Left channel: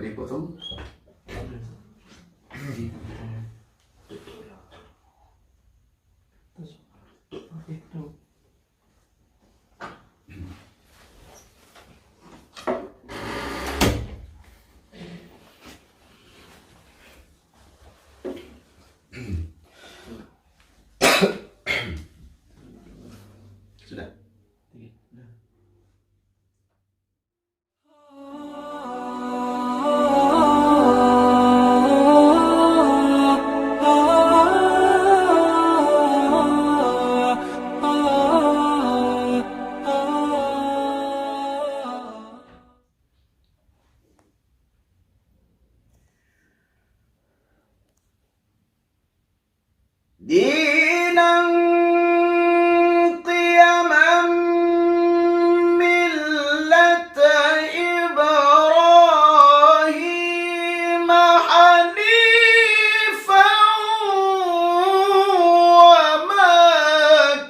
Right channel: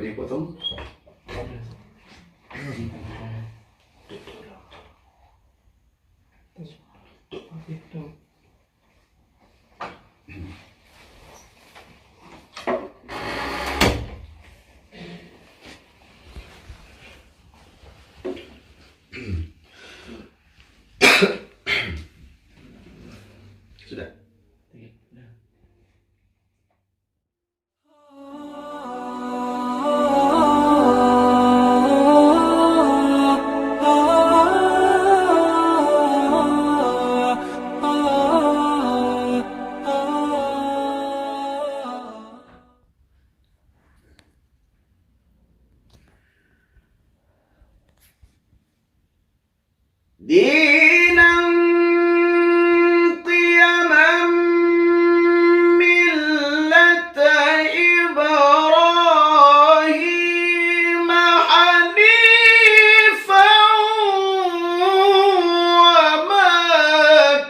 Coba dipotong. Sudah. دينا قيما ملة إبراهيم حنيفا وما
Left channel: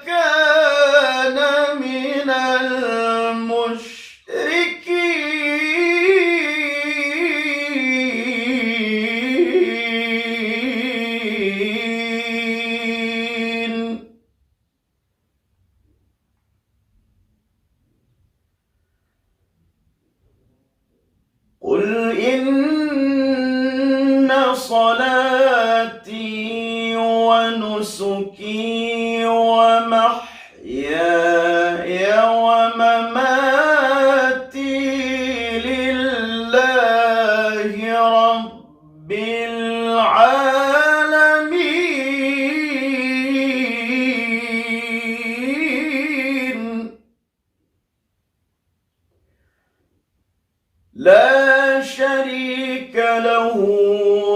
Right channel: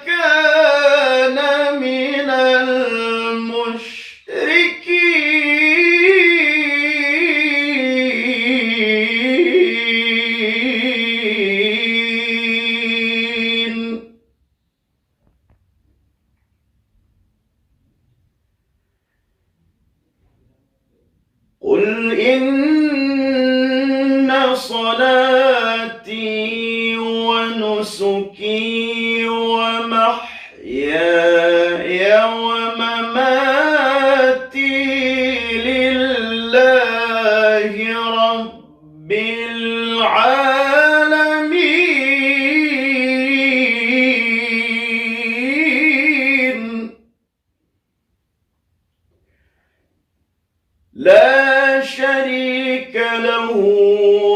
كان من المشركين. قل إن صلاتي ونسكي ومحياي ومماتي لله رب العالمين لا شريك له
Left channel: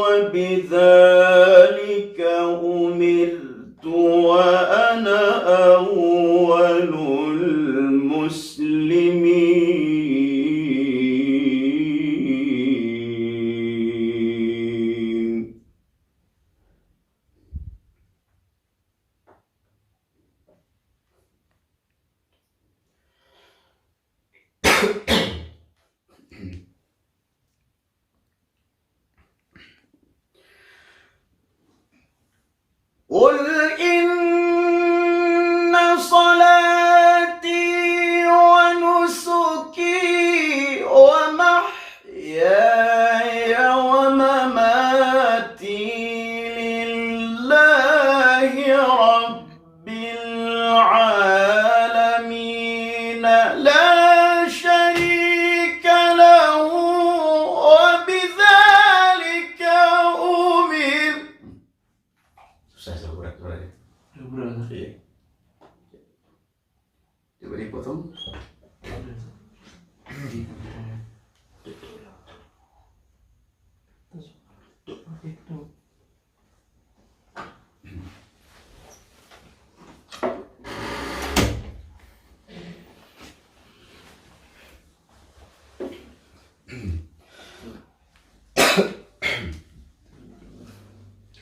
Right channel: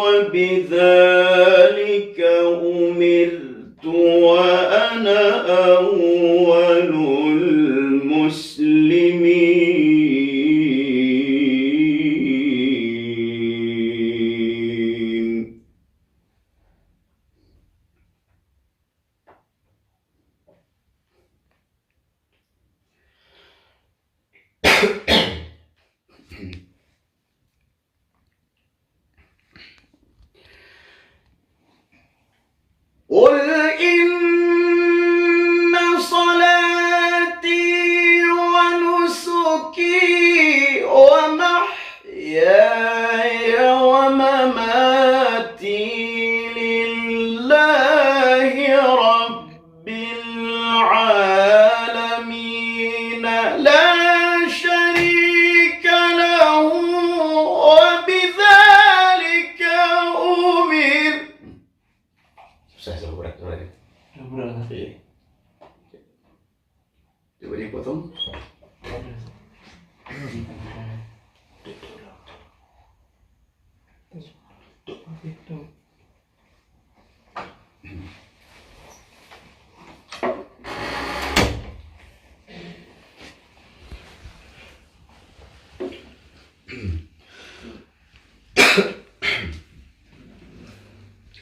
وبذلك أمرت وأنا أول المسلمين. قل إن صلاتي ونسكي ومحياي ومماتي لله رب العالمين لا شريك له وبذلك أمرت. Susah berat. Iya. Coba dipotong.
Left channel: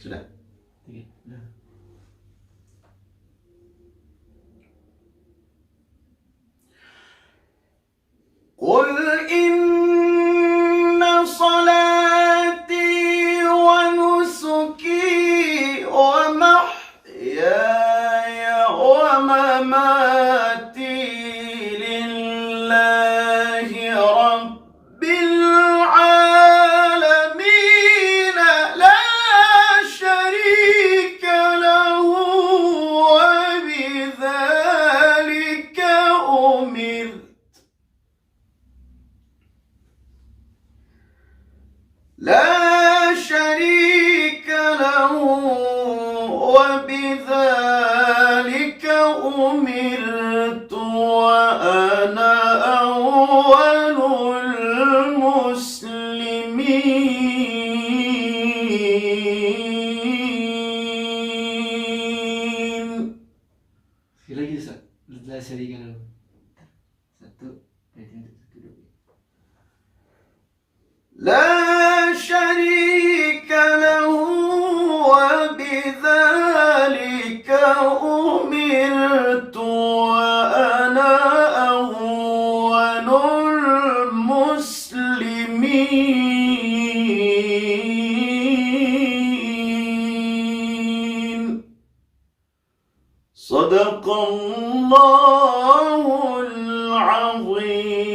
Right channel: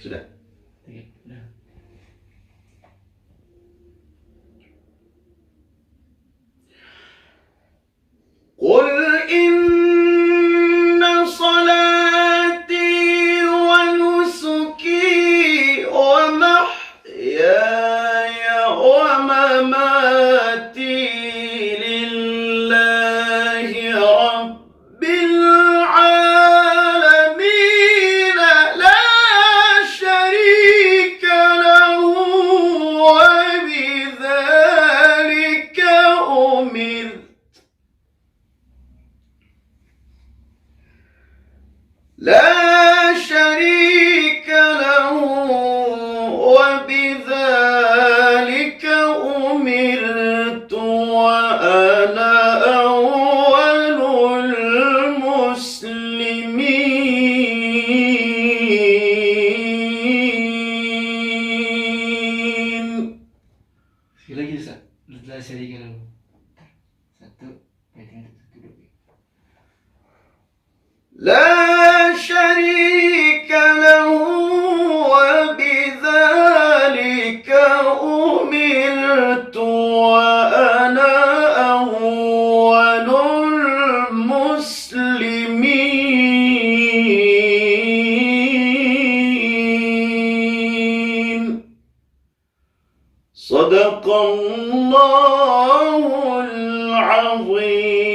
Sudah. قل إن صلاتي ونسكي ومحياي ومماتي لله رب العالمين لا شريك له وبذلك أمرت. لا شريك له وبذلك أمرت وأنا أول المسلمين. Lagi la syarika lahu. Satu, kaitan satu dua. لا شريك له وبذلك أمرت وأنا أول المسلمين. صدق الله العظيم.